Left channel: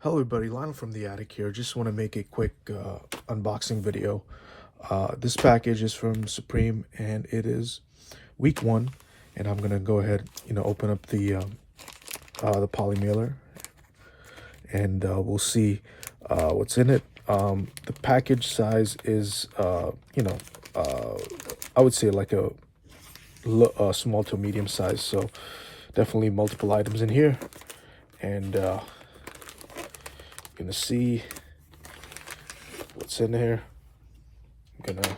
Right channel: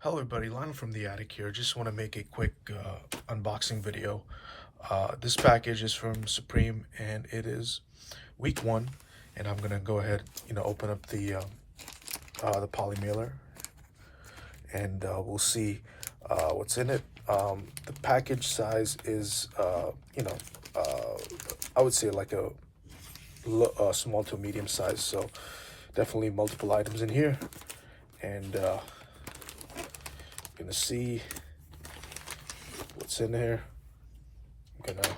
Hello everybody, Lionel from the attic here. Just want to make a quick unboxing video. This package is from Supreme and it is week 1, and I'm gonna go ahead, open up the poly mailer, and we'll see what's in it. The package size is I would say like a small to medium size, so definitely multiple items in here, and gonna see what's in here. I'm gonna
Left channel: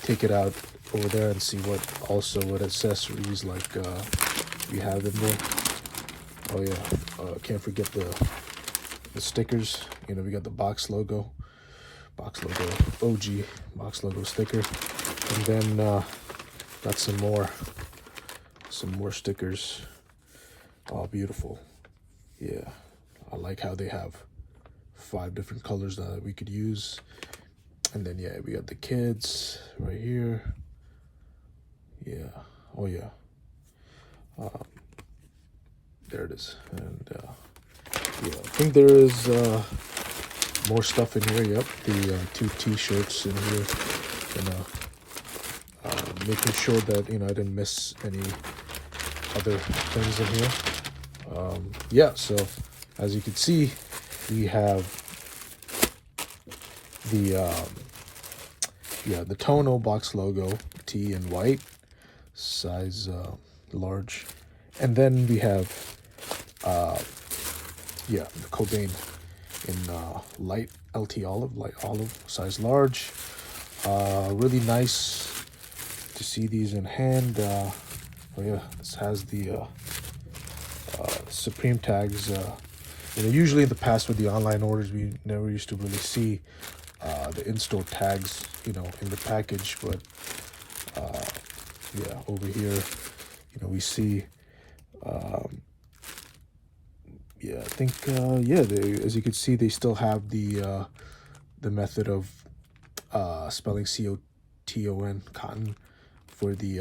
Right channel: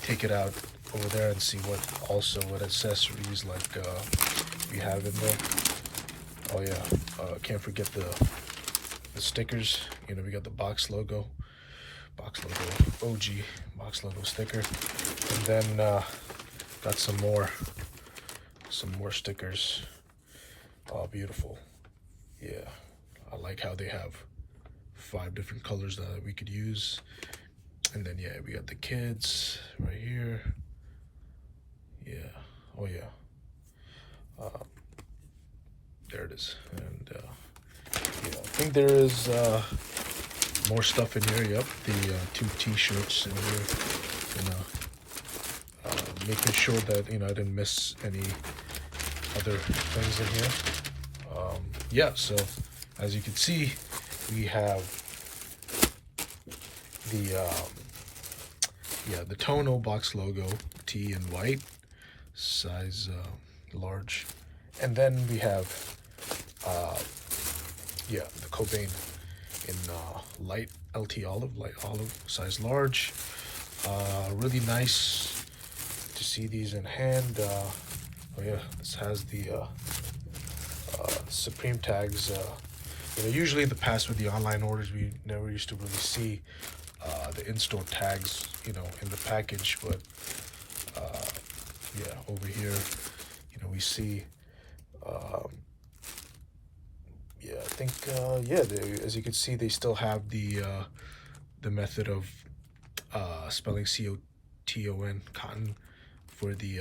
take it out over there and see what accessories like we have in there. Oh yeah, can't forget the stickers. We got the box logo OG box logo sticker, and then got some more stickers. Oh, beautiful. Yeah, I like how they have 5 different colors that we could use. And then yeah, we got the kids right here. Yeah, oh yeah, there it is. And yeah, I think there is more stuff in here. Yep, the 2 t-shirts in here, and making sure that I didn't miss any other things in here. Yeah, so as you can see, we have the Tonal box logo tee in white, size large, and then we have the Cobain in light olive, size large. Really nice to see these in hand. Yeah, this has the Supreme tags. Usually in the past with the online orders, we never used to really see the in-store tags, in the package. But yeah, over here, we see. Yeah, I think yeah, as you can see, they still have the method of spelling COTON, cotton, for the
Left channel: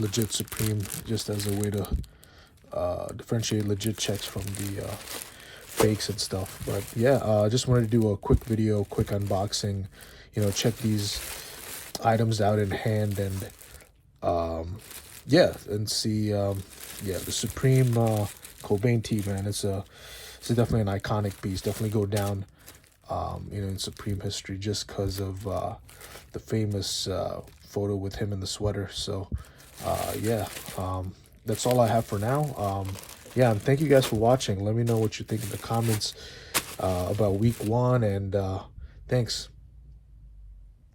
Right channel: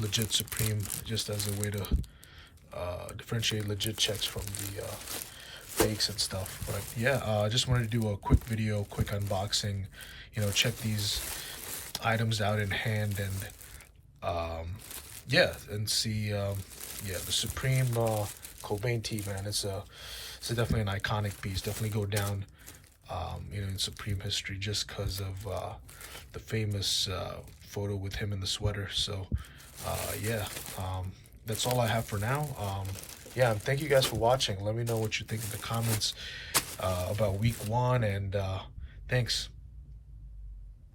legit Supreme, just as a way to differentiate legit checks from the fakes and stuff. But yeah, I just wanted to do a quick video, quick unboxing, check these items out in hand, and yeah, and see yeah, the Supreme Cobain Tee, man. It's definitely an iconic piece. Definitely go down in Supreme history, just because of the famous photo with him in the sweater. So yeah, that's all I have for now. Yeah, and thank you guys for watching. Let me know what you think in the comments about week 1, and thanks.